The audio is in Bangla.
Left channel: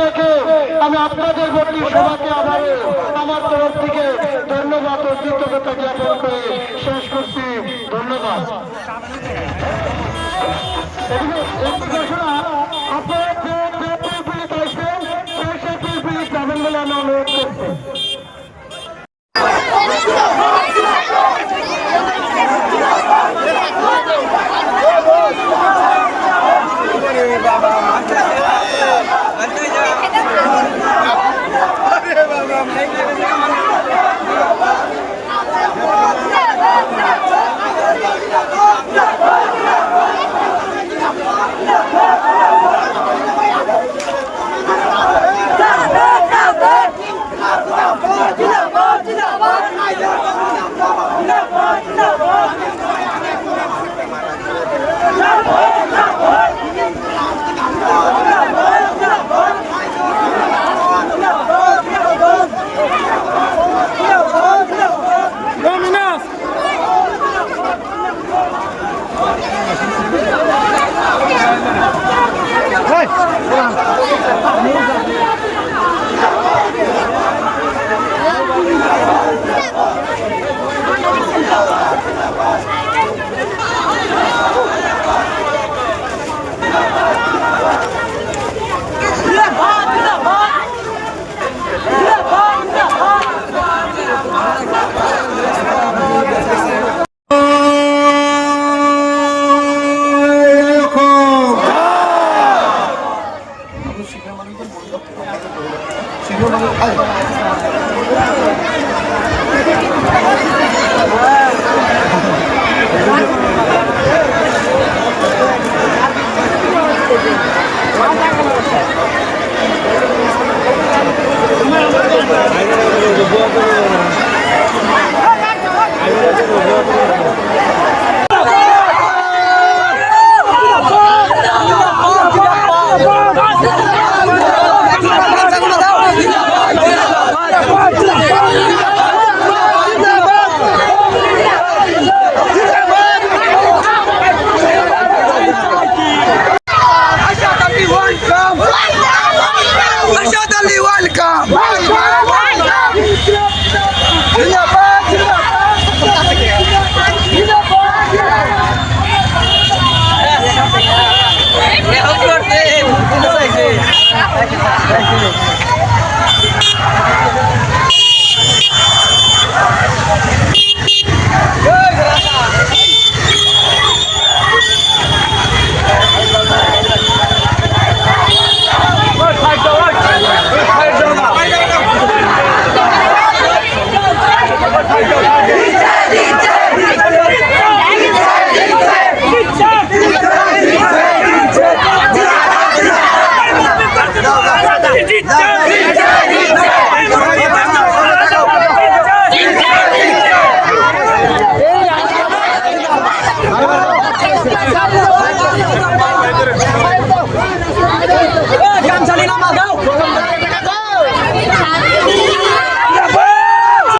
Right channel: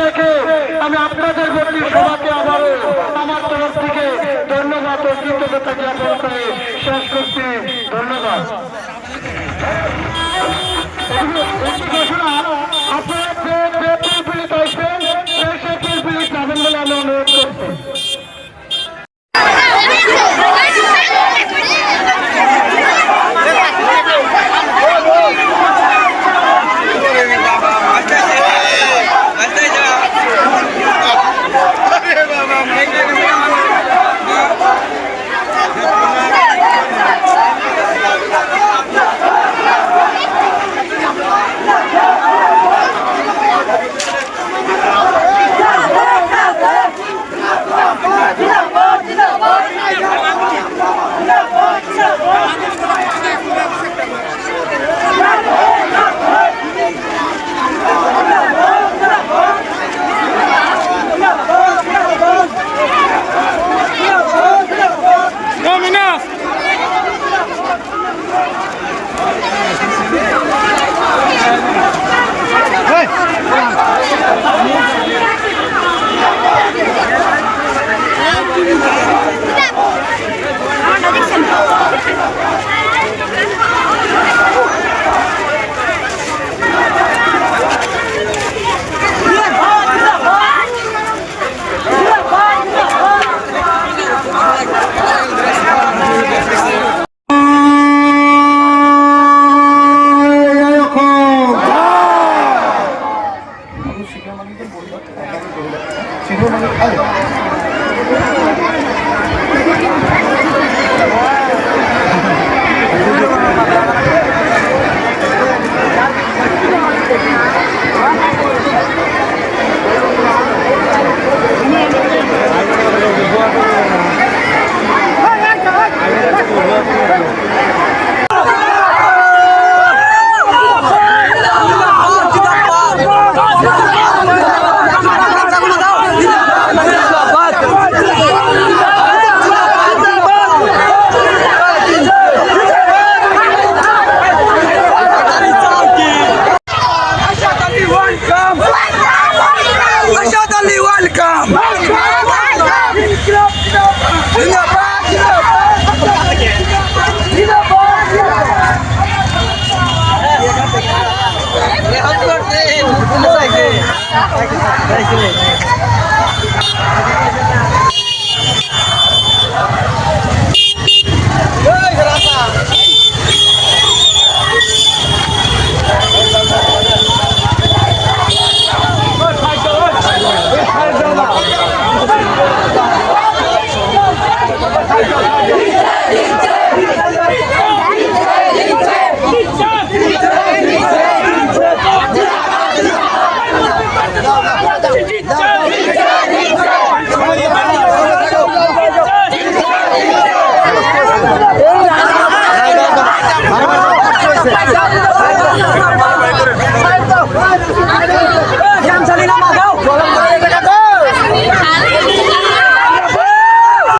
রেখে আমি আপনাদের বলি সবাইকে আবারও আমার তরফ থেকে ধন্যবাদ ও কৃতজ্ঞতা জ্ঞাপন করে শেষ করছি। ধন্যবাদ। 你不能太远 Ali, welcome! 我们要一起加油一起加油一起加油